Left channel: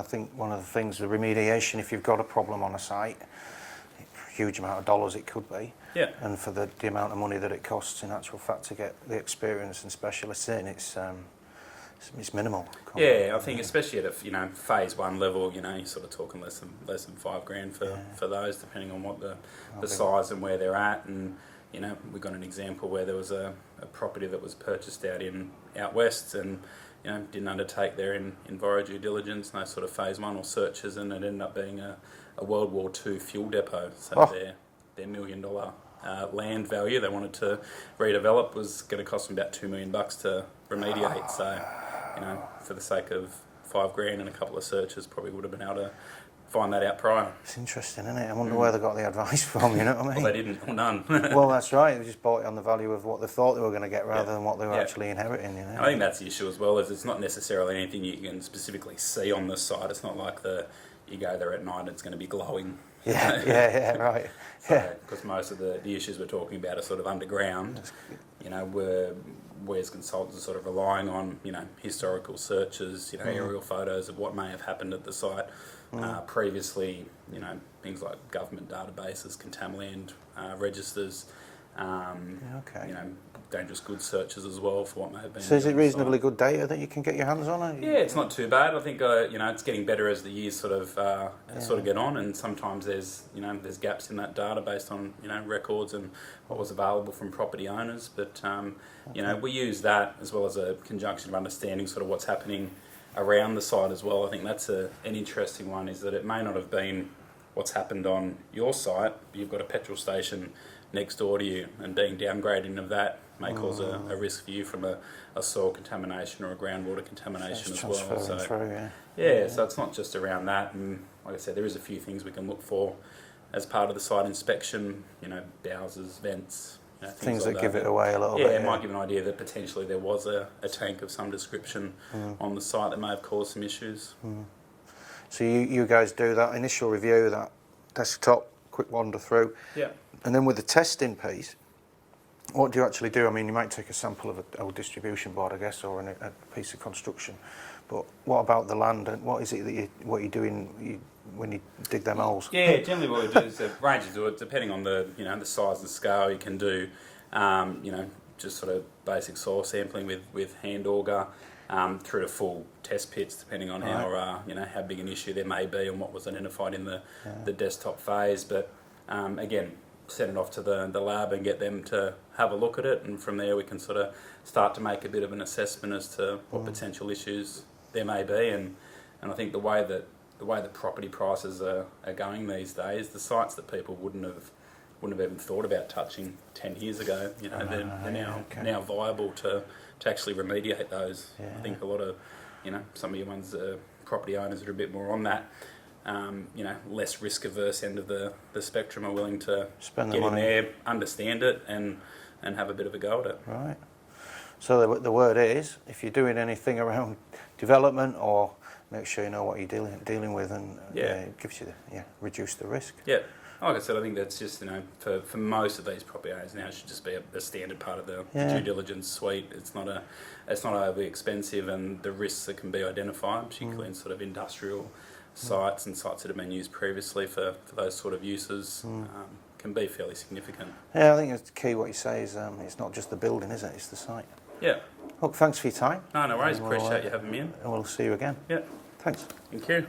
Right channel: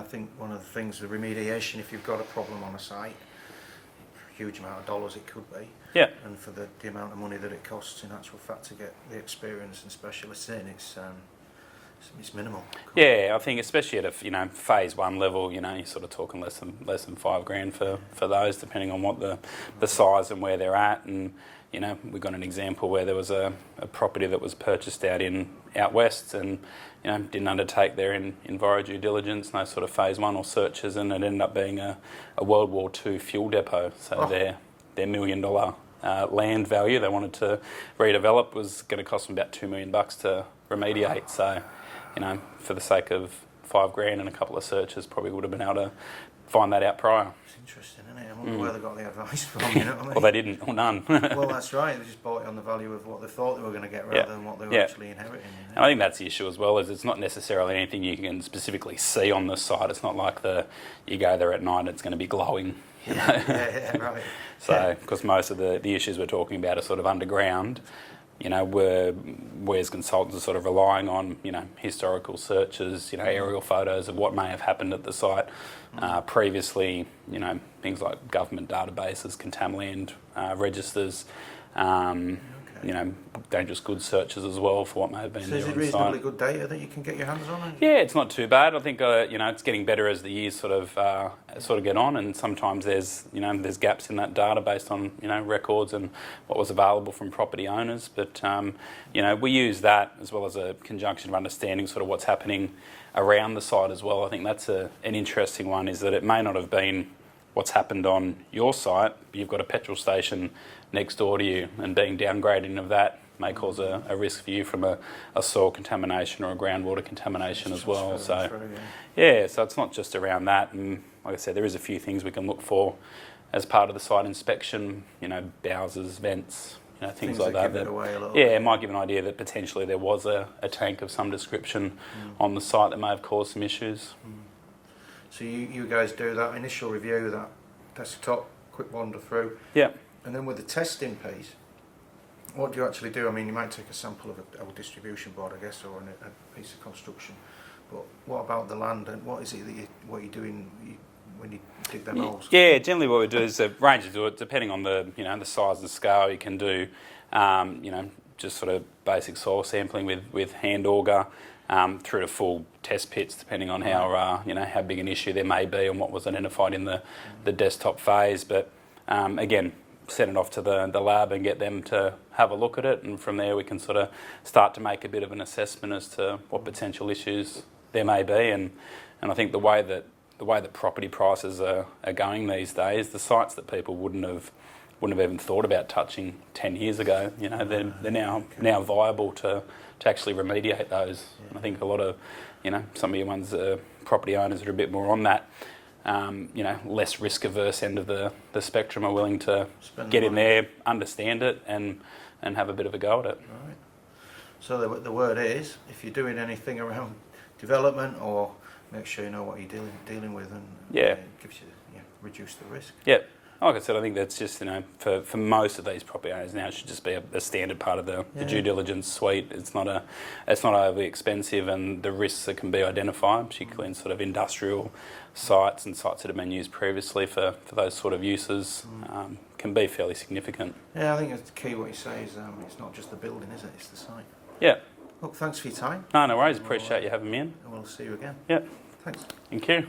I think one of the things, the remediation, if you've got a problem on a site, a huge amount of dollars it could be. Yeah. And for the amount of money that it costs in actual fact to get the experience and specialists in, it's minimal. Yeah, I think especially at a phase one level, you're sort of talking less than $5,000 for those, depending on what the size and where they're at. And we got an example where there was a property that was purchased out west, and didn't undertake their enviro due diligence, no sort of phase one or searches, and it ended up being a World War II fuel depot. So their $1 million land value they wanted to redevelop was going to cost them about $2 million to remediate. So, for the sake of $5,000 and a couple of searches, probably would have been able to find that out prior. It's interesting, isn't it? I wonder where they got the advice from, you know what I mean? Well, they didn't, or none. Well, that's right. They just bought it on the value of what they thought they were going to get rather than what they were actually inheriting. And I think that's the issue as well, is it's not necessarily anything you can specifically see on the site. It's not like you go there at night and it's going to be glowing. Yeah, right. So, because most of the issues we're talking about are sort of underground, we as consultants are sort of relying on, historical searches, aerial photos of what may have happened at the site previously, things like government databases, contaminant registers, dangerous goods searches as well for what may have been. So is it reasonably good data that you can get your hands on? Yeah, it's not too bad. I think it's getting better as the years sort of get on, and sometimes there's gaps in that data based on records and what was available from property owners. But we use that as well as a conjunction of understanding sort of what's happening around the site as well. I think that's an interesting one, is that it may not have been what's happened on your site, but you've got a petrol station next door to you, and being downgrading of that may cause a risk for you from a soil contamination or a groundwater contamination as well. So so it's not just around that, and like I said, there is a few things we can look for as part of the site inspection, bowsers, vents, things like that. Give it away a little bit. It might give an idea that potentially there was a tank of some description on the site that may have caused some issues. So you guys do that initial review, that desktop, quick wander through. Yeah. And then with the testing piece, what do you actually do? I mean, you might take a sample of a distribution board, I guess, or a piece of construction. But what about the land, and what is it that you're doing when you dig them holes? Yeah, generally what we do is a range of it, depending on the the size and scale. You can do just sort of basic soil sampling with hand auger, through to full test pits, depending on how how big an issue there may be and what was identified in the desktop phase. But again, send it off to the lab and get them to have a look at it, and from there we can sort of start to make a bit of an assessment as to what potential issues there may be. And I think the way that property prices are going these days, the sites that people wouldn't have even thought about touching 10 years ago, they're now viable to actually remediate those. I think a lot of some of your ones, property owners are a bit more on that less risk averse end of the spectrum, are willing to get in there, understand it, and have a bit of a go at it. Right. So the word is, if you're doing anything around development, or make sure you know what you're dealing with, and it gives you reduce the risk. Yeah. Like I said, I think that's just for most of these property owners now, it should just be a standard part of the due diligence suite. It's not overly expensive, and the risks that can be identified, particularly in sort of industrial sites and sites that have been used previously for those sort of uses, can be fairly significant. Yeah, I think it's key what you say is it's not just the building, is it? It's the site. Yeah. Look, thanks for your time. No worries. Appreciate you having me in. And we'll see you again. Yeah. Thanks. Thank you.